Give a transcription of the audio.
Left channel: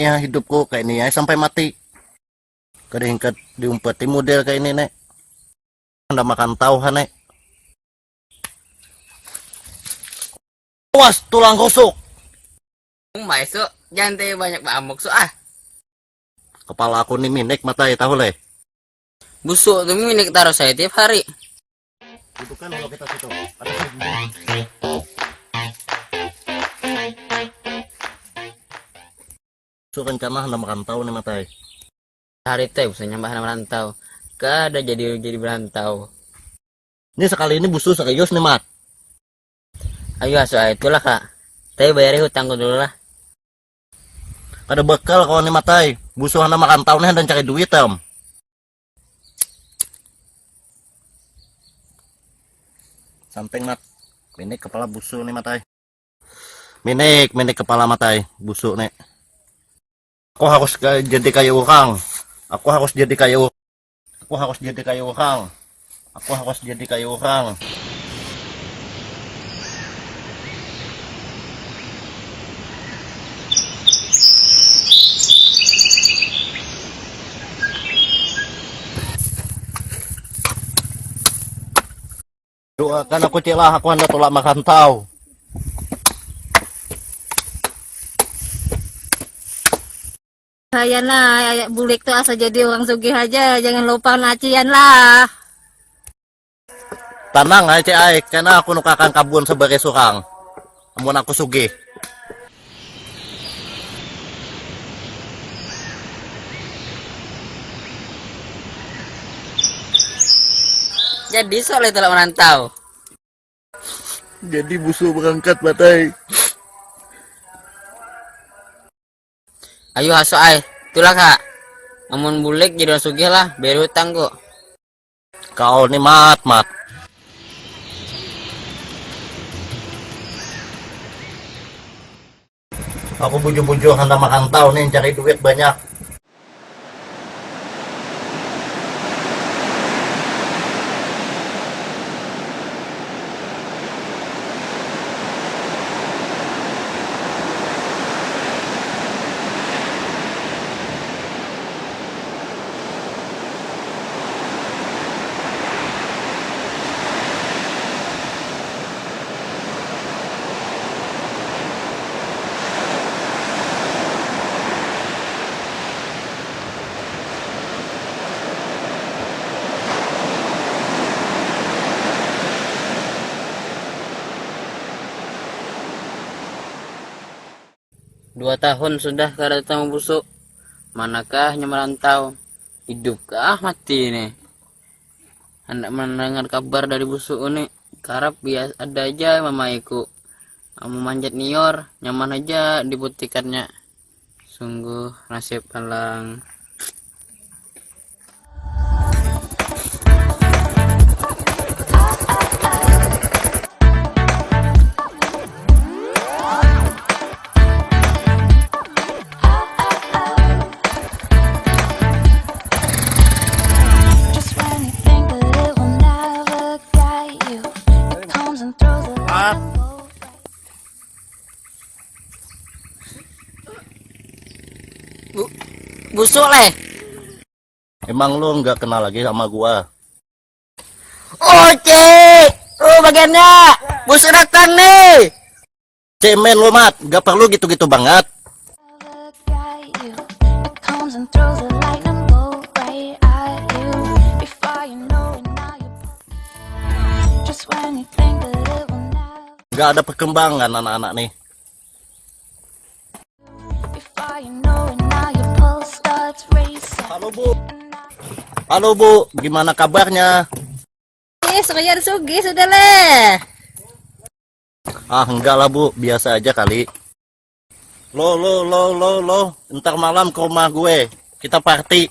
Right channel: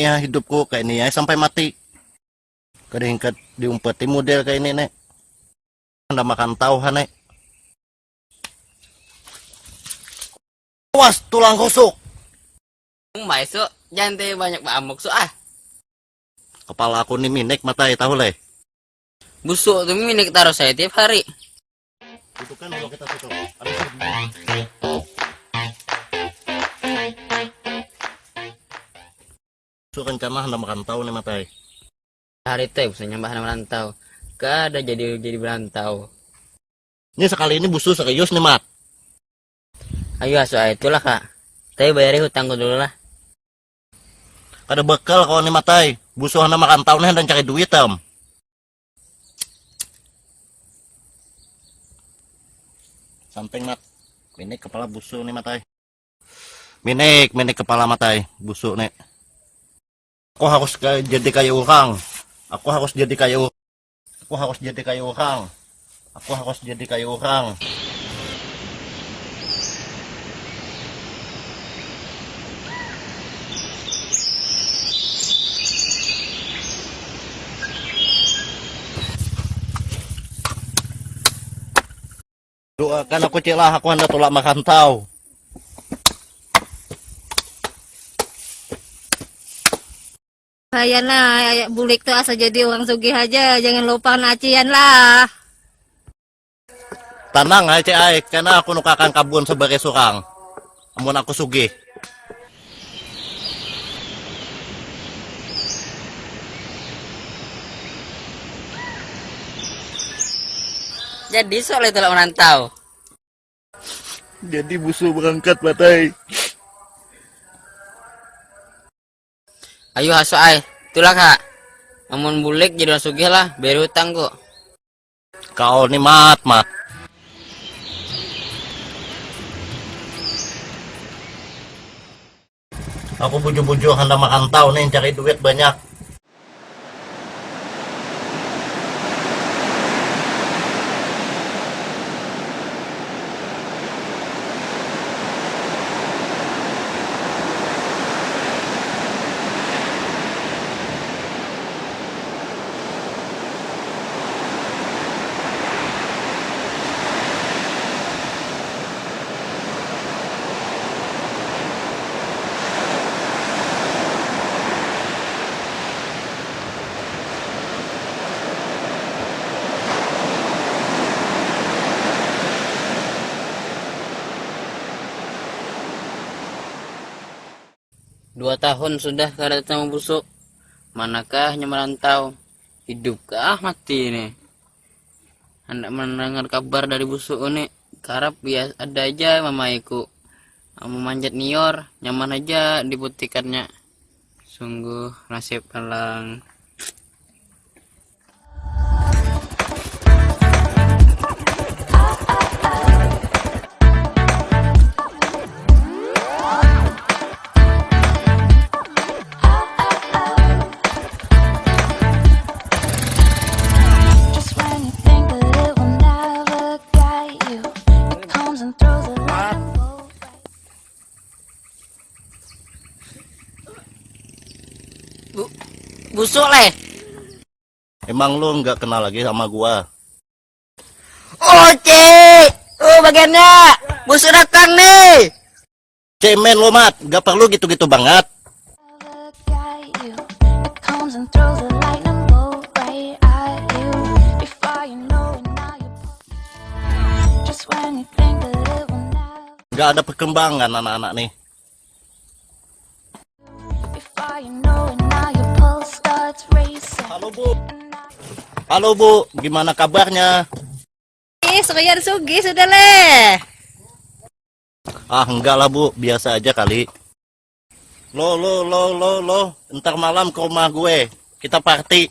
ini ya hidupku kayak ini ya sampai mati. Keringkat diumpeti model kayak ini nek. Anda makan tahu kan nek. Puas tulang gosok. Masuk, jangan teh banyak bamuk so Kepala aku nih minik matai tahu leh. busuk tuh ini taruh saya tiap hari. So rencana merantau nih matai. Hari teh usah nyambah merantau. Gak ada jadi berantau. Ini sekali ini busuk serius nih mat. Ayo saya itulah kak. Tapi bayar utangku dulu lah. Ada bekal kalau nih matai. Busuk anak merantau nih dan cari duit tem. Samping mat. Minik kepala busuk nih matai. Minik kepala matai busuk nih. Aku harus jadi kayak orang. Aku harus jadi kayak orang. Aku harus jadi kayak orang. Aku harus jadi kayak orang. Kan aku celah aku anda telah makan tahu. Saya nah, bulik tuh asal jadi orang sugih aja, jangan lupa nacian lah. Tenang aja aik, karena aku nukakan kabun sebagai suhang. Namun aku sugih. Jadi soal itu lah merantau. Jadi busuk berangkat matai. Ayo aso ay, itulah kak. Namun bulik jadi sugi lah, bayar utang kok. Kau nih mat. Aku bujuk-bujuk anda makan tahu nih cari duit banyak. Tahun sudah gak datang busuk. Manakah merantau? Hidupkah mati ini? Hendak mendengar kabar dari busuk ini. Karap biasa ada aja mamaiku. Memanjat nior, nyaman aja dibuktikannya. Sungguh nasib alang. Busuk nih. Emang lu nggak kenal lagi sama gua? Oh cik, oh bagaimana? Busuk datang nih. Cemen lu mat, gak perlu gitu-gitu banget. Gak ada perkembangan anak-anak nih. Halo Bu, gimana kabarnya? Saya sugih sudah leh. Ah enggak lah Bu, biasa aja kali. Lo, ntar malam ke rumah gue, kita party.